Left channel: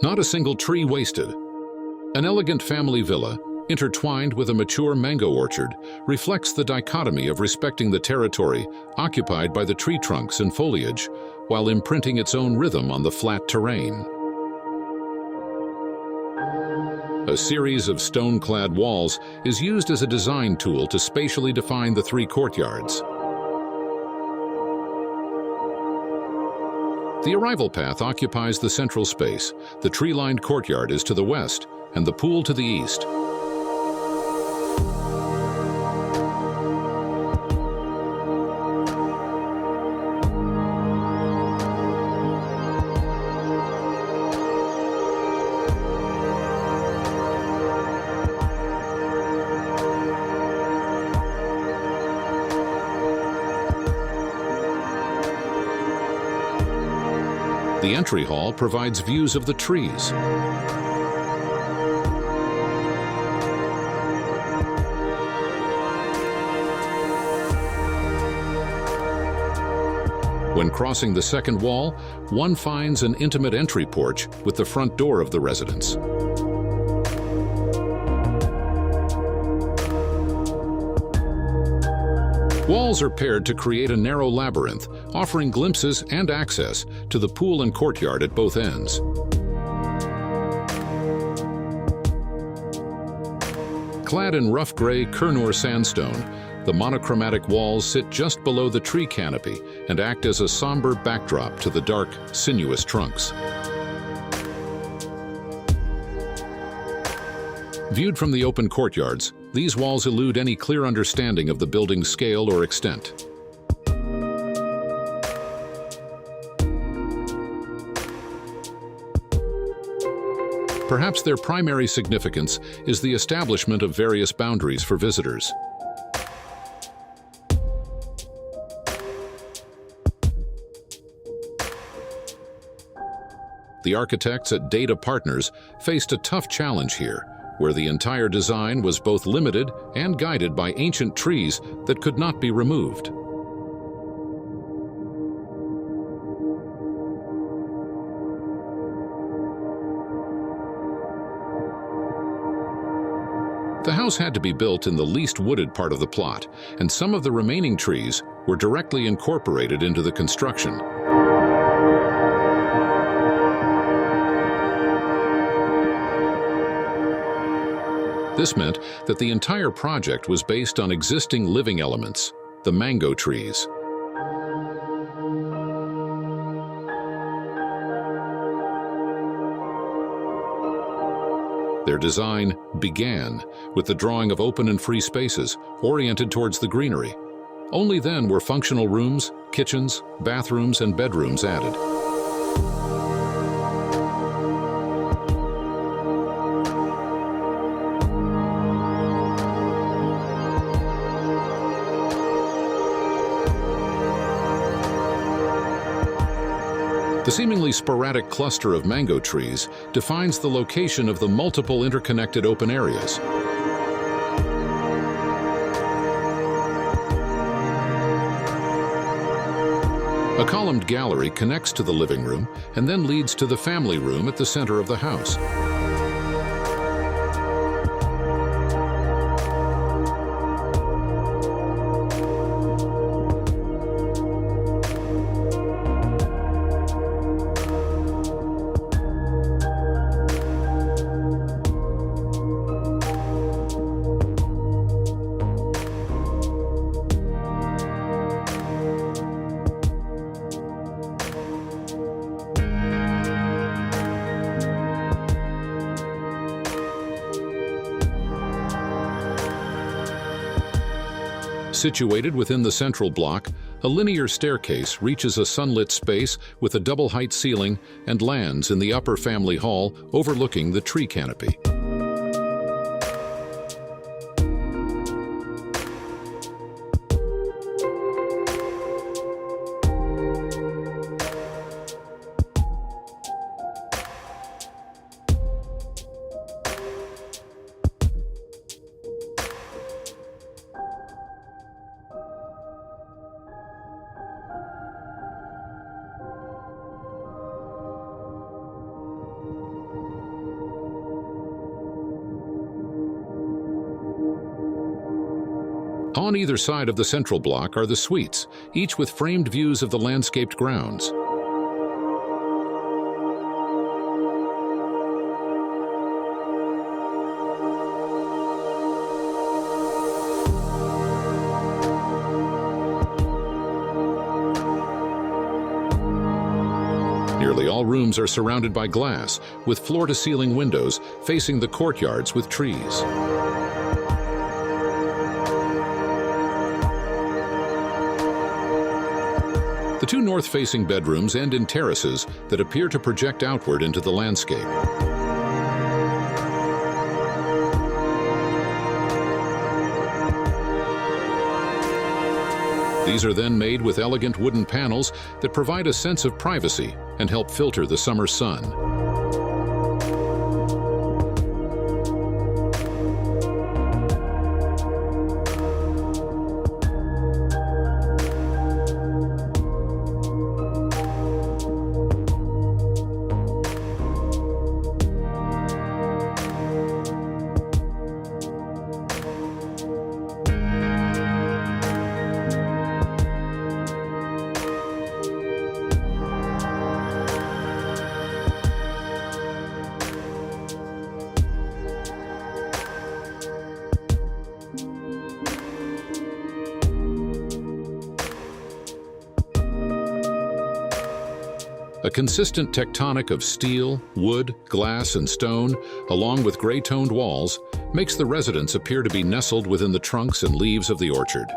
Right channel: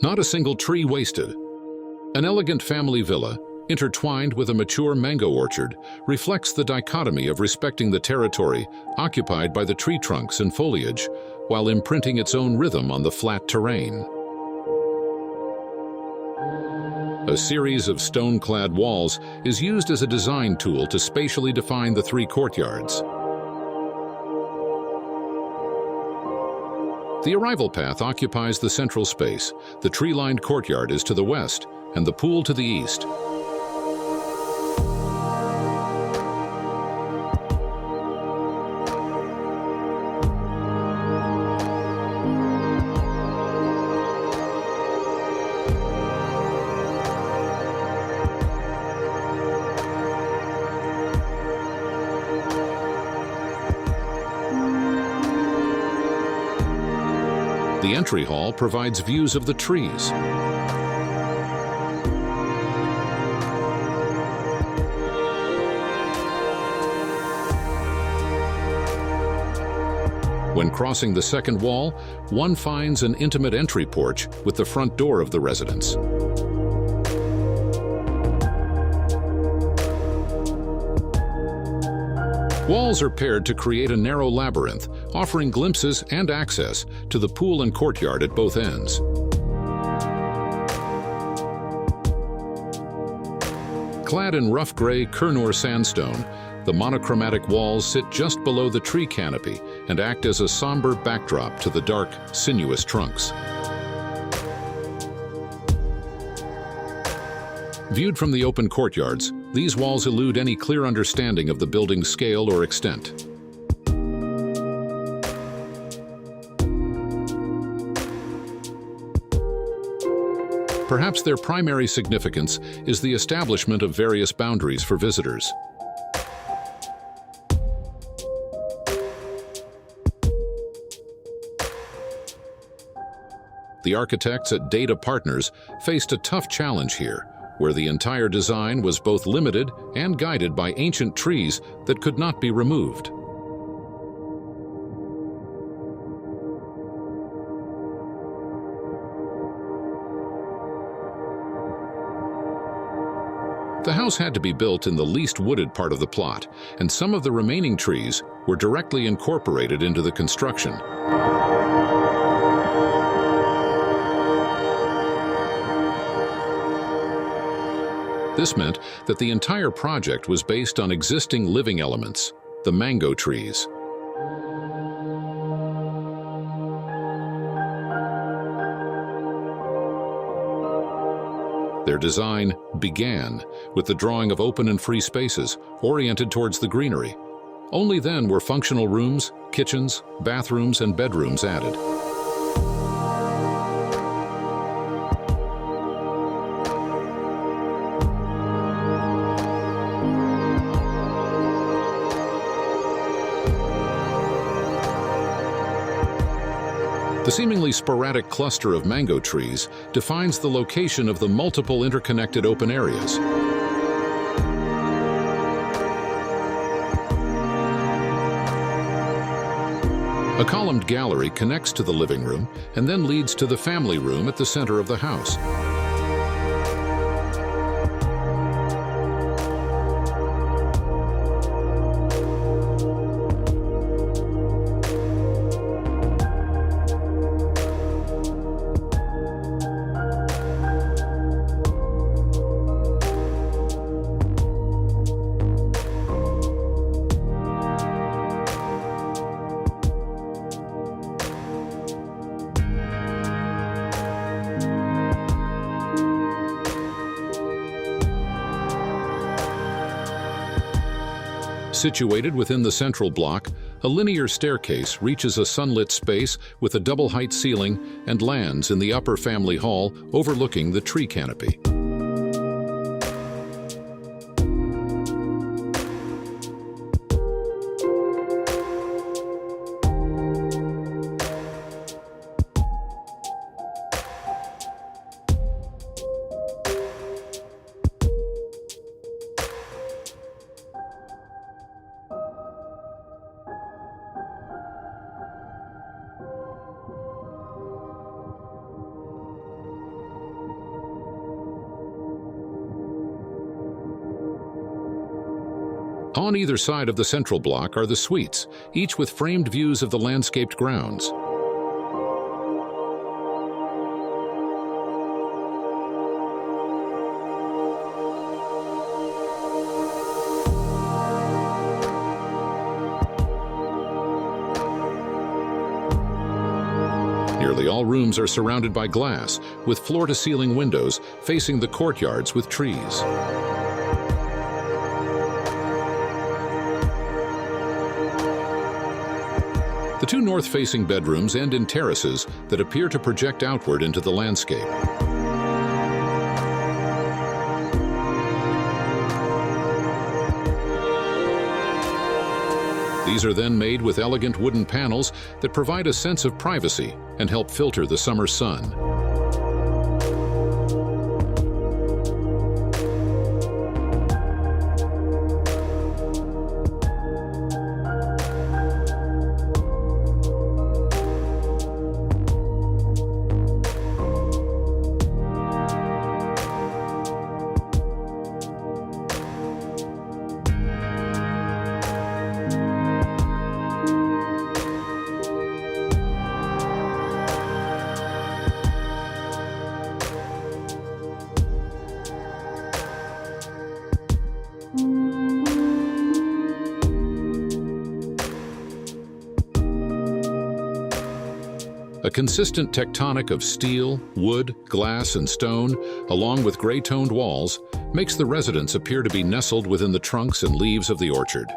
Not a single tree wasted. An elegant family villa, intertwined with a mature mango orchard, reflects the dichotomy of respecting the territory occupied by the tree trunks and foliage, while imprinting its own rhythm on the flat terrain. A series of stone-clad walls is used as a design tool to spatially define the three courtyards. The arrival path occupies the central space. The tree-lined courtyard is to the west, and the pool to the east. The entry hall provides views of the trees. When crossing the second wall, one finds an intimate entry porch with the front door of the residence. Walls are paired to create a narrow labyrinth, offering glimpses and access to the pool and courtyard at both ends. Clad in rough gray Kurnoor sandstone, the monochromatic walls sit just below the tree canopy and act as a somber backdrop to the dark, sinuous trunks. Viewed from the open courtyards, these walls elude any clear understanding of the building's scale or extent. Perhaps their primary significance is the establishment of various boundaries for visitors. The architects at DADA Partners faced a tough challenge here, where the entire design was both limited and guided by ancient trees that could not be removed. The house had to be built in the least wooded part of the plot, and some of the remaining trees were directly incorporated into the construction. This meant that the entire project was based on existing living elements, the mango trees. Their design began with the drawing of open and free spaces oriented towards the greenery. Only then were functional rooms, kitchens, bathrooms, and bedrooms added. The seemingly sporadic cluster of mango trees defines the location of the multiple interconnected open areas. A columned gallery connects to the living room and then leads to the family room at the center of the house. Situated within the central block, a linear staircase reaches a sunlit space with a double-height ceiling and lands in the upper family hall overlooking the tree canopy. On either side of the central block are the suites, each with framed views of the landscaped grounds. Nearly all rooms are surrounded by glass, with floor-to-ceiling windows facing the courtyards with trees. The two north-facing bedrooms end in terraces that appear to project outward into the landscape. These are then made with elegant wooden panels that provide a sense of privacy and help filter the summer sun. A consistent tectonic of steel, wood, glass, and stone, along with gray-toned walls, makes the residence appear to be nestled within the trunks and leaves of the orchard.